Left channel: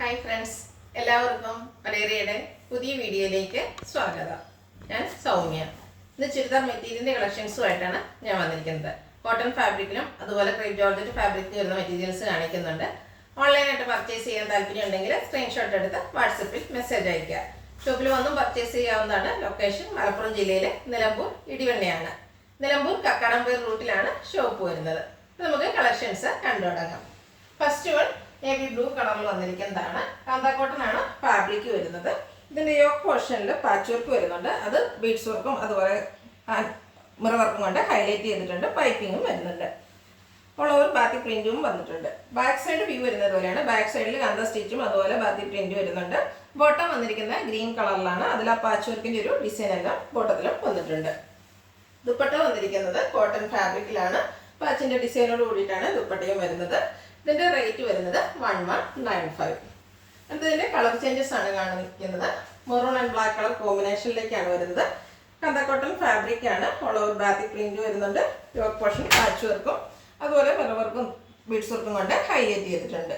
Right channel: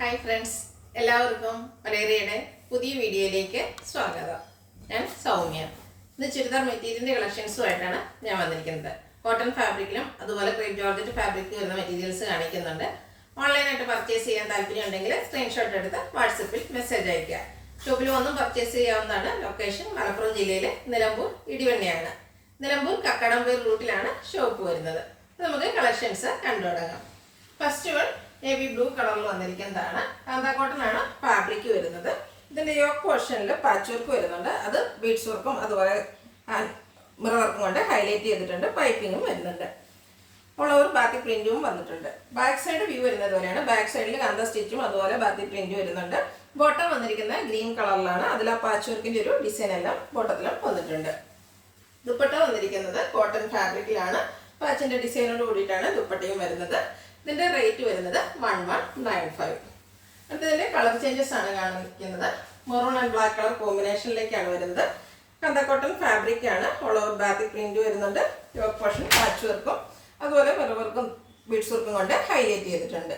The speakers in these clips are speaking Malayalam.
ഹായ് ഫ്രണ്ട്സ്, എല്ലാവർക്കും മലേറിയയുടെ പുതിയ വീഡിയോയിലേക്ക് സ്വാഗതം. ഞാൻ സൗമ്യ. ഇന്ന് ചുരിദാർ മെറ്റീരിയലിൻ്റെ കളക്ഷൻസുമായിട്ടാണ് ഞാൻ വന്നിരിക്കുന്നത്. കോട്ടൺ ഫാബ്രിക്കിലും അതുപോലെ ക്രേപ്പ് ജോർജറ്റ് ഫാബ്രിക്കിൽ വരുന്ന മെറ്റീരിയൽസ് കാണിക്കുന്നുണ്ട്. ഓൺലൈനായിട്ട് പർച്ചേസ് ചെയ്യാൻ താല്പര്യം ഉണ്ടെങ്കിൽ സ്ക്രീൻഷോട്ട് എടുത്ത് വാട്സപ്പിൽ മെസ്സേജ് അയയ്ക്കുക. ഷോപ്പിൽ വന്നും പർച്ചേസ് ചെയ്യാവുന്നതാണ്. ലൊക്കേഷൻ മലപ്പുറം ജില്ലയിലെ നിലമ്പൂർ ഇടിവണ്ണയാണ്. നിലമ്പൂർ കക്കാടംപേർ റൂട്ടിലാണ് ഷോപ്പ് വരുന്നത്. നമുക്ക് കളക്ഷൻസ് കണ്ടു തുടങ്ങാം. ഫസ്റ്റ് വൺ നേവി ബ്ലൂ കളറിൽ വന്നിരിക്കുന്നതാണ്. കാന്താ കോട്ടൺ ആണ് ഫാബ്രിക് വരുന്നത്. ഇതിൻ്റെ യോക്ക് പോർഷനിൽ പാച്ച് വർക്ക് വരുന്നുണ്ട്. അത് ബീഡ്സ് വർക്കും അതുപോലെ മിറർ വർക്കും കൊണ്ട് ഹൈലൈറ്റ് ചെയ്തിട്ടുണ്ട്. പൈപ്പിങ്ങും വരുന്നുണ്ട്. ഓൾ ഓവർ ബാക്കി പ്രിന്റും വന്നിട്ടുണ്ട്. ബാക്ക് സൈഡ് വ്യൂ വരുന്നത് പോലെയാണ്. ബാക്ക് സൈഡിൽ കാന്ത സ്റ്റിച്ചും അതുപോലെ ബാക്കി പ്രിന്റ് വരുന്നുണ്ട്. ബോട്ടം വന്നിരിക്കുന്ന ഗ്രീൻ കളറിലാണ്. അതിൽ ആ പാച്ച് വർക്കിൻ്റെ ഒരു ഡിസൈൻ എല്ലാം ബോട്ടത്തിലും വന്നിട്ടുണ്ട്. ദുപ്പട്ട വന്നിരിക്കുന്നത് കോട്ടൺ ഫാബ്രിക്കിലാണ്. പാച്ചിൻ്റെ ഡിസൈനോട് കൂടിയിട്ടാണ് ദുപ്പട്ടയും വരുന്നത്. ഇതിൻ്റെ റേറ്റ് വരുന്നത് 1195. അടുത്തതിൻ്റെ കളർ ചേഞ്ചസ് ആണ് കാണിക്കുന്നത്. മെറൂൺ ആൻഡ് ബ്ലാക്ക് കളർ കോമ്പിനേഷനിലേക്കാണ് വരുന്നത്. കാന്താ കോട്ടൺ ഫാബ്രിക് ആണ്. ഓൾ ഓവർ ബാത്തിക് പ്രിന്റ് വരുന്നുണ്ട്. യോക്ക് പോർഷൻ പാച്ച് വർക്കും അതുപോലെ മിറർ വർക്കും ബീഡ്സ് വർക്കും കൊണ്ട് ഹൈലൈറ്റ് ചെയ്തിട്ടുണ്ട്.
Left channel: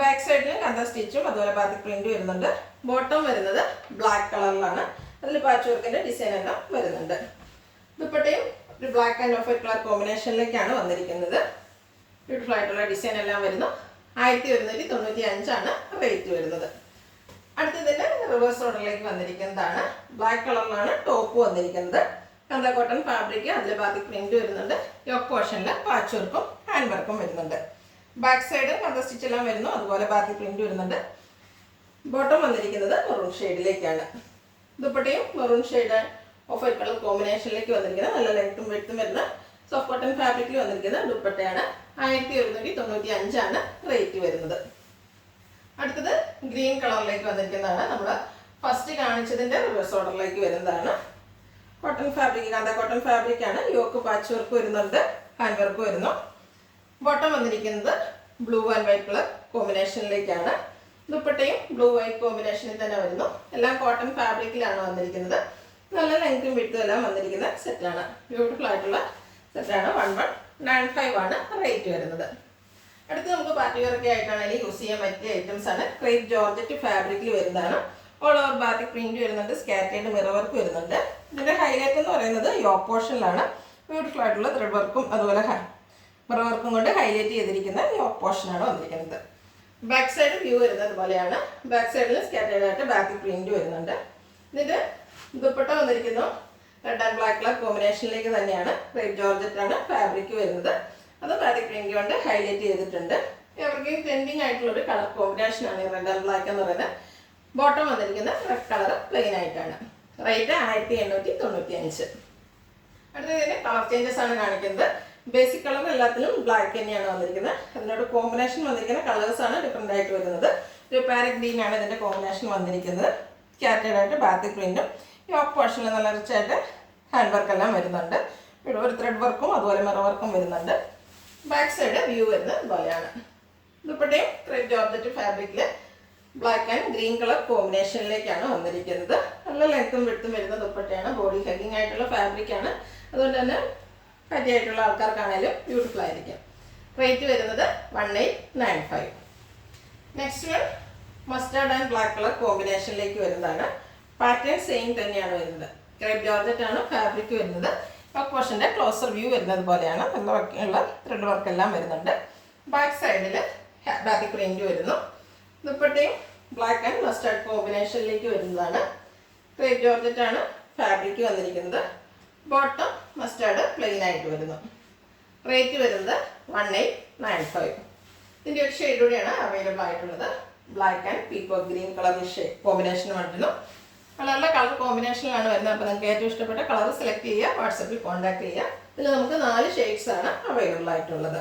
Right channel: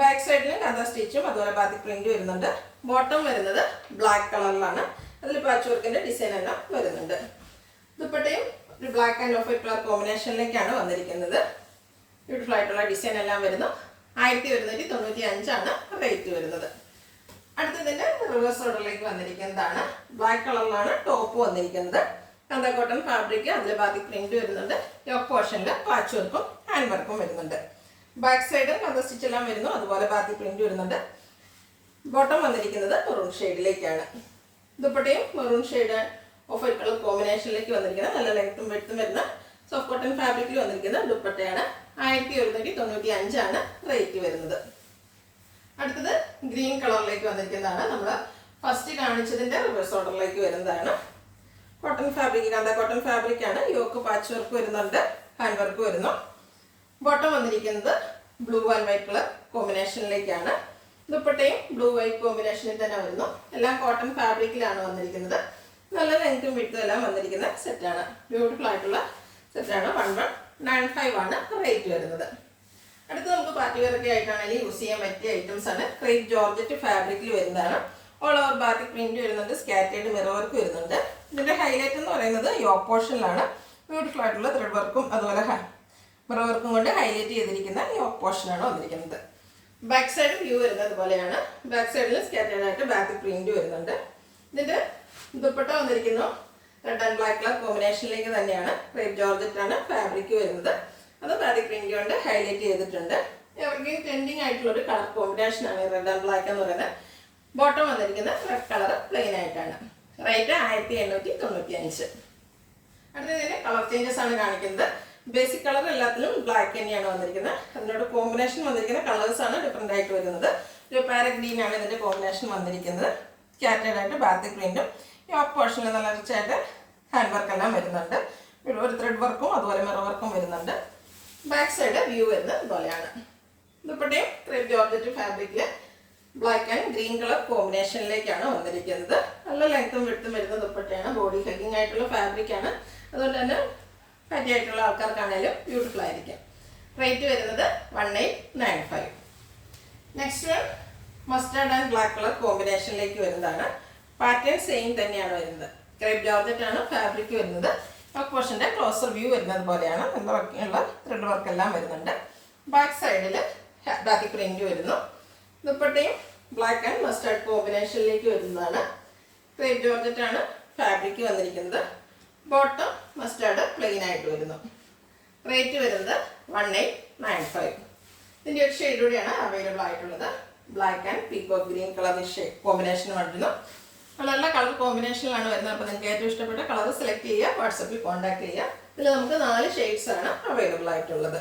ബാക്ക് സൈഡിൽ കാന്താ സ്റ്റിച്ചും അതുപോലെ ബാത്തിക് പ്രിന്റ് വരുന്നുണ്ട്. ബോട്ടം വരുന്നത് ബ്ലാക്ക് കളറിലാണ്. അതിൽ പാച്ച് വർക്കിൻ്റെ ഡിസൈൻ എല്ലാം വരുന്നുണ്ട്. ദുപ്പട്ടയും ഒരു black and off white colour കോമ്പിനേഷനിലേക്കാണ് വന്നിരിക്കുന്നത്. ബ്യൂട്ടിഫുൾ ആയിട്ടുള്ള ഡിസൈൻ എല്ലാം വരുന്നു. 1195 റേറ്റ് വരുന്നത്. അടുത്തതിൻ്റെ റിവേഴ്സ് ഓർഡറിലേക്ക് വന്നിരിക്കുന്നതാണ്. ബ്ലാക്ക് കളറിലാണ് ടോപ്പ് വന്നിരിക്കുന്നത്. കാന്താ കോട്ടൺ ഫാബ്രിക്, അതിൽ ബാക്കി പ്രിന്റ് വരുന്നുണ്ട്. യോക്ക് പോർഷനിൽ പാച്ച് വർക്കും ഹാൻഡ് വർക്കും വരുന്നുണ്ട്. ബാക്ക് സൈഡ് കാന്താ സ്റ്റിച്ച് എല്ലാം വരുന്നു. അതുപോലെ ബാക്കി പ്രിന്റ് വരുന്നുണ്ട്. ബോട്ടം വന്നിരിക്കുന്നത് മെറൂൺ ഷെയ്ഡിലേക്കാണ്. ദുപ്പട്ടയും maroon shade off white colour കോമ്പിനേഷനിലേക്ക് വന്നിരിക്കുന്നത്. നല്ല ലെങ്ത്തും വെഡ്ത്തും വരുന്ന സോഫ്റ്റ് കോട്ടൺ ഫാബ്രിക്കിൽ വന്നിരിക്കുന്ന ദുപ്പട്ടയാണ്. 1195 റേറ്റ് വരുന്നത്. അടുത്തത് ഗ്രീൻ കളറിലേക്ക് വന്നിരിക്കുന്നതാണ്. നമ്മൾ ഫസ്റ്റ് കാണിച്ചതിൻ്റെ റിവേഴ്സ് ഓർഡറിലേക്ക് വരുന്നതാണ്. Cotton fabric, kantha cotton fabric ആണ്. യോക്ക് പാച്ച് വർക്ക് വരുന്നുണ്ട്. ഹാൻഡ് വർക്ക് വരുന്നു. ബോട്ടം വന്നിരിക്കുന്നത് ബ്ലൂ ആൻഡ് വൈറ്റ് കളർ കോമ്പിനേഷനിലേക്കാണ്. ദുപ്പട്ടയും ബ്ലൂ വൈറ്റ് കോമ്പിനേഷനിൽ തന്നെ വരുന്നു. എല്ലാം കോട്ടൺ ഫാബ്രിക്കിലാണ് വന്നിരിക്കുന്നത്. നല്ല ലെങ്ത്തും വിഡ്ത്തും എല്ലാം വന്നിരിക്കുന്ന സെറ്റാണ്. ബ്യൂട്ടിഫുൾ ആയിട്ടുള്ള സെറ്റാണ്. 1195 റേറ്റ് വരുന്നത്. അടുത്ത് നമുക്ക് പാർട്ടി വെയറൊക്കെ ആയിട്ടാണെങ്കിൽ യൂസ് ചെയ്യാൻ പറ്റിയ ഐറ്റംസ് ആണ്. ക്രേപ്പ് ജോർജറ്റ് ഫാബ്രിക്കിൽ വരുന്നതാണ്. ഓൾ ഓവർ ബാത്തിക് പ്രിന്റ് വരുന്നുണ്ട്. സ്കാറ്റേഡ് മിറർ വർക്ക് വരുന്നുണ്ട്. ഇതിൻ്റെ ഹൈലൈറ്റ് എന്ന് പറയുന്നത് യോക്ക് പോർഷനിലാണ്. ബ്യൂട്ടിഫുൾ ആയിട്ടുള്ള ത്രെഡ് വർക്കും അതുപോലെ മിറർ വർക്കും കൊണ്ട് ഹൈലൈറ്റ് ചെയ്തിരിക്കുന്ന യോക്ക് പോർഷനാണ് വന്നിരിക്കുന്നത്. ബാക്ക് സൈഡ് വ്യൂ വരുന്നത് പോലെയാണ്. ബാക്ക് സൈഡിൽ സ്കാറ്റേഡ് ആയിട്ട് ബാത്തിക് പ്രിന്റ് വരുന്നുണ്ട്. ഇതിൻ്റെ ദുപ്പട്ട വന്നിരിക്കുന്നു റെഡ് ആൻഡ് ബ്ലാക്ക് കളർ കോമ്പിനേഷനിലേക്ക് തന്നെയാണ്. ക്രേപ്പ് ജോർജറ്റ് ആണ് ഫാബ്രിക് വരുന്നത്. അത് ബാത്തിക് പ്രിന്റ് കൊണ്ട് ഹൈലൈറ്റ് ചെയ്തിട്ടുണ്ട്. അവർക്ക് ട്രെൻഡിങ് ആയിട്ടുള്ളൊരു കളർ കോമ്പിനേഷനാണ് റെഡ് ആൻഡ് ബ്ലാക്ക് എന്ന് പറയുന്നത്. ബോട്ടം വന്നിരിക്കുന്ന റെഡ് കളർ പ്ലെയിൻ ആയിട്ടാണ്. റേറ്റ് 1895. അടുത്തതിന് കളർ ചേഞ്ചസ് ആണ് കാണിക്കുന്നത്. ബേസിക് കളർ എല്ലാത്തിലും ബ്ലാക്ക് തന്നെയാണ് വന്നിരിക്കുന്നത്. അതിനോട് കോമ്പിനേഷൻ വന്നിരിക്കുന്ന കളേഴ്സാണ് ഡിഫറെൻ്റ് ആയിട്ട് വരുന്നത്. ഒരു പാരറ്റ് ഗ്രീൻ ആണ് ഇതിൻ്റെ കോമ്പിനേഷൻ വന്നിരിക്കുന്നത്. സ്കാറ്റേഡ് ആയിട്ട് ബാത്തിക് പ്രിന്റും യോക്ക് പോർഷനിൽ നല്ല റിച്ചായിട്ട് ഹാൻഡ് വർക്ക് എല്ലാം വരുന്നുണ്ട്. ഒരു ത്രെഡ് വർക്കും അതുപോലെ മിറർ വർക്കും വരുന്നുണ്ട്. ബാക്ക് സൈഡ് വ്യൂ വരുന്നത് ഇതുപോലെയാണ്. ദുപ്പട്ടയും ക്രേപ്പ് ജോർജറ്റ് ഫാബ്രിക്കിൽ ബ്ലാക്ക് ആൻഡ് ഗ്രീൻ കളർ കോമ്പിനേഷനിലേക്കാണ് വന്നിരിക്കുന്നത്. നല്ല ലെങ്ത്തും വിഡ്ത്തും വരുന്ന ദുപ്പട്ടയാണ്. ബോഡി ഹഗ്ഗിങ് ആയിട്ടുള്ള ഫാബ്രിക്കാണ്. അതുകൊണ്ട് തന്നെ പറ്റിയായിട്ടുള്ള ആൾക്കാർക്കാണെങ്കിലും ബ്യൂട്ടിഫുൾ ആയിരിക്കും. റേറ്റ് വരുന്നത് 1895. Next one mustard and black colour കോമ്പിനേഷനിലേക്ക് വരുന്നതാണ്. പാറ്റേൺ സെയിം തന്നെയാണ് വരുന്നത്. ക്രേപ്പ് ജോർജറ്റ് ആണ് ഫാബ്രിക് വരുന്നത്. യോക്ക് പോർഷൻ്റെ ക്ലോസർ വ്യൂ വരുന്നത് പോലെയാണ്. നല്ല വർക്കുള്ള ത്രെഡ് വർക്ക് എല്ലാം വരുന്നുണ്ട്. ബാക്ക് സൈഡിൽ ബാത്തിക് പ്രിന്റ് വരുന്നു. ദുപ്പട്ടയും ബ്ലാക്ക് ആൻഡ് മസ്റ്റാർഡ് കോമ്പിനേഷനിലേക്ക് വരുന്നതാണ്. ക്രേപ്പ് ജോർജറ്റ് ആണ് ഫാബ്രിക് വന്നിരിക്കുന്നത്. ബോട്ടം മസ്റ്റാർഡ് പ്ലെയിൻ ആയിട്ട് വരുന്നു. റേറ്റ് വരുന്നത് 1895. ഇതിൻ്റെ ഒരു ഷെയ്ഡ് കൂടെയാണ് അവൈലബിൾ ആയിട്ടുള്ളത്. Black and peacock green colour combination വരുന്നു. നല്ല കളർ കോമ്പിനേഷനിലാണ് വരുന്നത്. അപ്പോൾ നിങ്ങൾക്ക് ഏറ്റവും ഇഷ്ടപ്പെട്ട കളർ സെലക്ട് ചെയ്യുക. വാട്സപ്പിൽ കോൺടാക്ട് ചെയ്യുക. ഇതിൽ നമുക്ക് 4 ഷെയ്ഡ്സ് ആണ് അവൈലബിൾ ആയിട്ടുള്ളത്.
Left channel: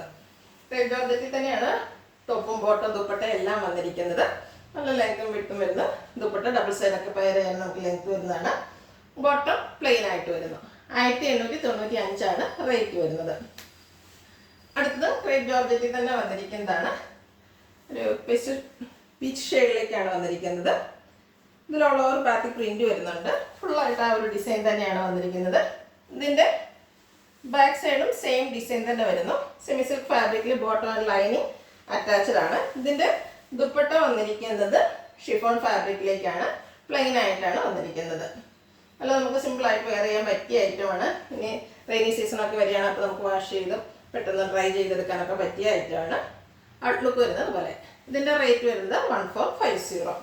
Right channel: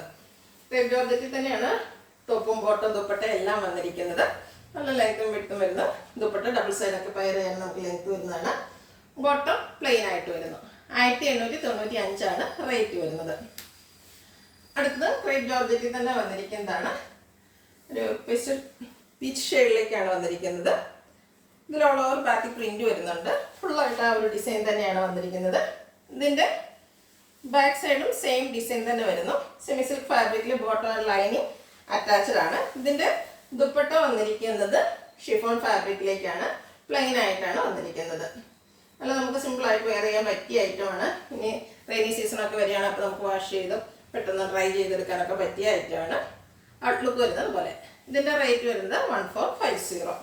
ക്രേപ്പ് ജോർജറ്റിൽ തന്നെയാണ് ടോപ്പും ബോട്ടം ദുപ്പട്ട എല്ലാം വന്നിരിക്കുന്നത്. നല്ല ലെങ്ത്തും വിഡ്ത്തും വരുന്നു. ദുപ്പട്ട ഡബിൾ സൈഡൊക്കെ പയർ ചെയ്യാൻ നമുക്ക് ലെങ്ത്ത് വരുന്നതാണ്. ബോട്ടം പ്ലെയിൻ ആയിട്ട് വരുന്നു. 1895 റേറ്റ് വരുന്നത്. അടുത്തത് ക്രേപ്പ് ജോർജറ്റിൽ തന്നെ വന്നിരിക്കുന്നതാണ്. ഒരു പീച്ച് ഷെയ്ഡിലേക്കാണ് വന്നിരിക്കുന്നത്. ഇതിൽ ഓൾ ഓവർ ബാത്തിക് പ്രിന്റ് വരുന്നുണ്ട്. ഫുള്ളായിട്ട് ആ ഒരു ഡിസൈൻ തന്നെയാണ് വന്നിരിക്കുന്നത്. ഇതിൻ്റെ ബാക്ക് സൈഡും സെയിം ഡിസൈൻ തന്നെ വരുന്നു. സെമി സിൽക്ക് ഫാബ്രിക്കിൽ ബോട്ടം ആൻഡ് ലൈനിങ് അറ്റാച്ച്ഡ് ആണ്. ഇതിൻ്റെ ദുപ്പട്ട വന്നിരിക്കുന്നത് ഷിഫോൺ ഫാബ്രിക്കിലേക്കാണ്, പ്ലെയിൻ ആയിട്ടാണ് വന്നിരിക്കുന്നത്. അല്ല നമുക്ക് സിമ്പിളായിട്ട് വെയർ ചെയ്യാൻ പറ്റിയ ഐറ്റമാണ്. ഇനി റെയിനി സീസണൊക്കെ വരികയാണ്, അപ്പോൾ നമുക്ക് വാഷ് ചെയ്ത് പെട്ടെന്ന് ഡ്രൈ ചെയ്തെടുക്കാനൊക്കെ പറ്റിയ ഐറ്റമാണ്. ഔട്ട്ലുക്ക് വരുന്നത് പോലെ. ഇതിൻ്റെ റേറ്റ് വരുന്നത് 1450.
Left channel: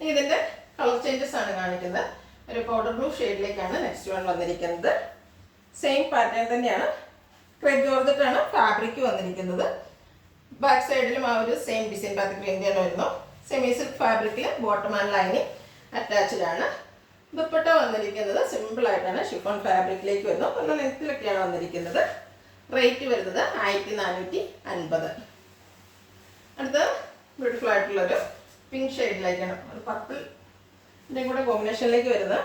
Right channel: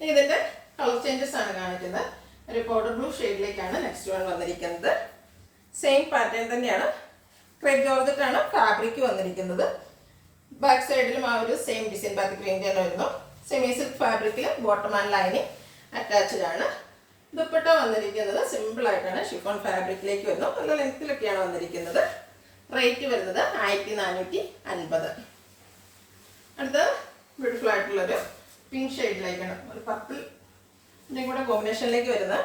ഇതിൻ്റെ കളർ ചേഞ്ചസ് ആണ് കാണിക്കുന്നത്. ഒരു പൗഡർ ബ്ലൂ ഷെയ്ഡിലേക്കാണ് നെക്സ്റ്റ് വൺ വന്നിരിക്കുന്നത്. സെയിം പാറ്റേൺ തന്നെയാണ്. ക്രേപ്പ് ജോർജറ്റാണ് ഫാബ്രിക് വന്നിരിക്കുന്നത്. ബാക്ക് സൈഡിലും ആ ഒരു സെയിം ഡിസൈൻ ബാത്തിക് പ്രിന്റ് തന്നെ വരുന്നു. സെമി സിൽക്ക് ഫാബ്രിക്കിൽ ബോട്ടം ആൻഡ് ലൈനിങ് അറ്റാച്ച്ഡ് ആണ്. ദുപ്പട്ട വന്നിരിക്കുന്നത് സിമ്പിൾ ആയിട്ടാണ് ഷിഫോൺ ഫാബ്രിക്കിലേക്ക് വരുന്നു. നല്ല ലെങ്ത്തിലൊക്കെയാണ് വന്നിരിക്കുന്നത്. റേറ്റ് വരുന്നത് 1450. അടുത്ത ബ്യൂട്ടിഫുൾ ആയിട്ടുള്ളൊരു പിങ്ക് ഷെയ്ഡിലേക്കാണ്, ഒരു പർപ്പിൾ ഇതിൻ്റെ കൂടെ കോമ്പിനേഷനിലേക്ക് വരുന്ന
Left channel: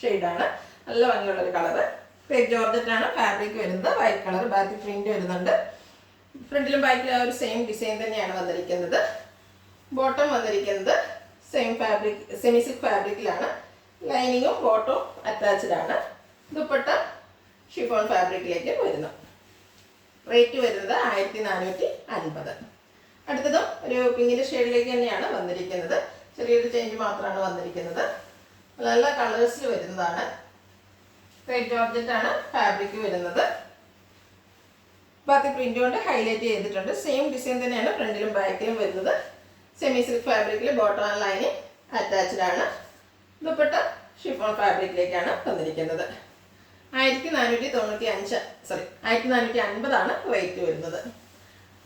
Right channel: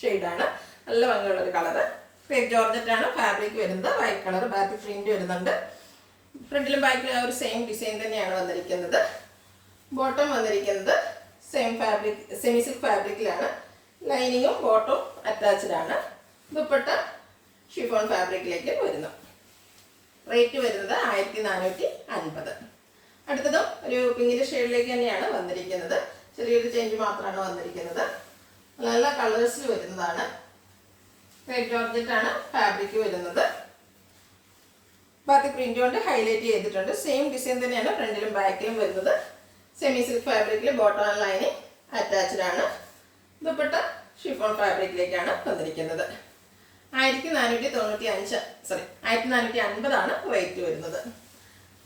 ഷെയ്ഡാണ്. നല്ല ഭംഗിയുള്ളൊരു കളറ്. ക്രേപ്പ് ജോർജറ്റാണ് ഫാബ്രിക് വരുന്നത്. വൈറ്റ് കളർ ബാത്തിക് പ്രിന്റ് വരുന്നുണ്ട്. ഫ്രണ്ടിലും ബാക്കിലും ആ ഒരു സെയിം ഡിസൈൻ തന്നെയാണ് വന്നിരിക്കുന്നത്. ബോട്ടം വന്നിരിക്കുന്നത് സെയിം ഫാബ്രിക് സെമി സിൽക്ക് ഫാബ്രിക്കിലാണ്. ലൈനിങ്ങും ബോട്ടവും അറ്റാച്ച്ഡ് ആണ്. ദുപ്പട്ട ഷിഫോൺ ഫാബ്രിക്കിലേക്ക് വരുന്നു. റേറ്റ് വരുന്നത് 1450. അടുത്തതും ഒരു പിങ്കിൻ്റെ ഷെയ്ഡിലേക്ക് തന്നെയാണ് വന്നിരിക്കുന്നത്. ചെറിയൊരു ചേഞ്ച് മാത്രമാണ് വന്നിരിക്കുന്നത്. നല്ല കളേഴ്സിൽ വരുന്നതാണ്. ക്രേപ്പ് ജോർജറ്റാണ് ഫാബ്രിക് വരുന്നത്. ബാത്തിക് പ്രിന്റ് കൊണ്ട് ഹൈലൈറ്റ് ചെയ്തിട്ടുണ്ട്. സെയിം ഡിസൈൻ തന്നെയാണ് ഫ്രണ്ടിലും ബാക്കിലും വരുന്നത്. സെമി സിൽക്ക് ഫാബ്രിക്കിൽ ബോട്ടം ആൻഡ് ലൈനിങ് അറ്റാച്ച്ഡ് ആണ്. ദുപ്പട്ട ഷിഫോൺ ഫാബ്രിക്കിലേക്കാണ് വന്നിരിക്കുന്നത്. 1450 റേറ്റ് വരുന്നത്.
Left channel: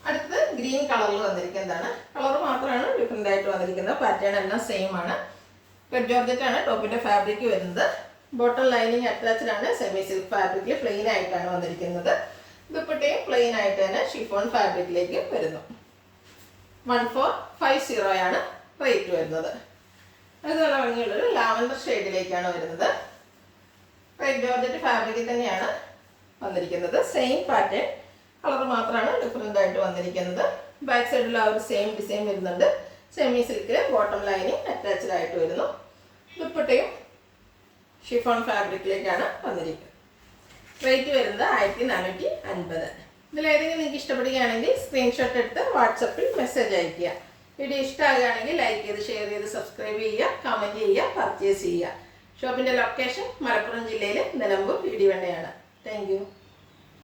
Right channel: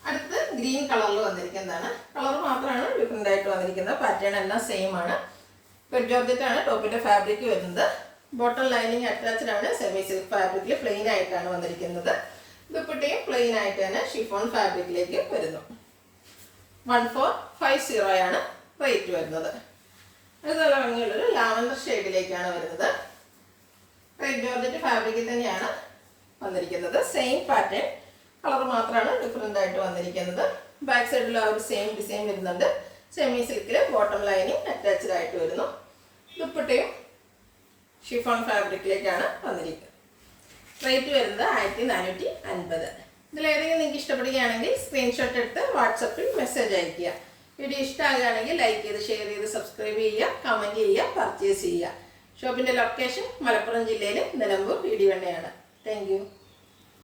അടുത്ത് ഗ്രീൻ കളറിൽ വന്നിരിക്കുന്നതാണ്. കളർ മാത്രമാണ് ഡിഫറെൻ്റ് ആയിട്ട് വന്നിരിക്കുന്നത്. പാറ്റേൺ എല്ലാം സെയിം ആണ്. ക്രേപ്പ് ജോർജറ്റാണ് ടോപ്പിൻ്റെ ഫാബ്രിക് വരുന്നത്. ബോട്ടം ലൈനിങ് അറ്റാച്ച്ഡ് ആണ്. സെമി സിൽക്ക് ഫാബ്രിക്കിൽ പ്ലെയിൻ ആയിട്ടാണ് വന്നിരിക്കുന്നത്. ദുപ്പട്ടയും പ്ലെയിൻ ആയിട്ട് തന്നെ ഷിഫോൺ ഫാബ്രിക്കിലേക്ക് വരുന്നു. 1450 റേറ്റ് വരുന്നത്. അത് നല്ല ഭംഗിയുള്ളൊരു ലാവൻഡർ ഷെയ്ഡിലേക്കാണ് വരുന്നത്. ക്രേപ്പ് ജോർജറ്റ് ഫാബ്രിക്കിൽ തന്നെയാണ് വന്നിരിക്കുന്നത്. സെയിം പാറ്റേൺ, കളർ മാത്രമാണ് ഡിഫറെൻ്റ് ആയിട്ട് വന്നിരിക്കുന്നത്. ബാക്ക് സൈഡിൽ ആ ഒരു സെയിം ഡിസൈൻ വരുന്നുണ്ട്. സെമി സിൽക്കിൽ ബോട്ടം ലൈനിങ് അറ്റാച്ച്ഡ് ആയിട്ട് വരുന്നു. ദുപ്പട്ടയും ഷിഫോൺ ഫാബ്രിക്കിലേക്കാണ് വന്നിരിക്കുന്നത്. റേറ്റ് വരുന്നത് 1450. ഇതിലേതെങ്കിലും നിങ്ങൾക്ക് ഇഷ്ടപ്പെടുകയാണെങ്കിൽ സ്ക്രീൻഷോട്ട് എടുത്ത് വാട്സപ്പിൽ മെസ്സേജ് അയയ്ക്കുക. വീഡിയോ ഇഷ്ടമാകുകയാണെങ്കിൽ ലൈക്ക് ചെയ്ത് ഷെയർ ചെയ്ത് സബ്സ്ക്രൈബ് ചെയ്യുക, കമൻറ്റ് ചെയ്യുക, പർച്ചേസ് ചെയ്യുക. ഷോപ്പിൻ്റെ ലൊക്കേഷൻ മലപ്പുറം ജില്ലയിലെ നിലമ്പൂർ ഇടിവണ്ണയാണ്. Thank you.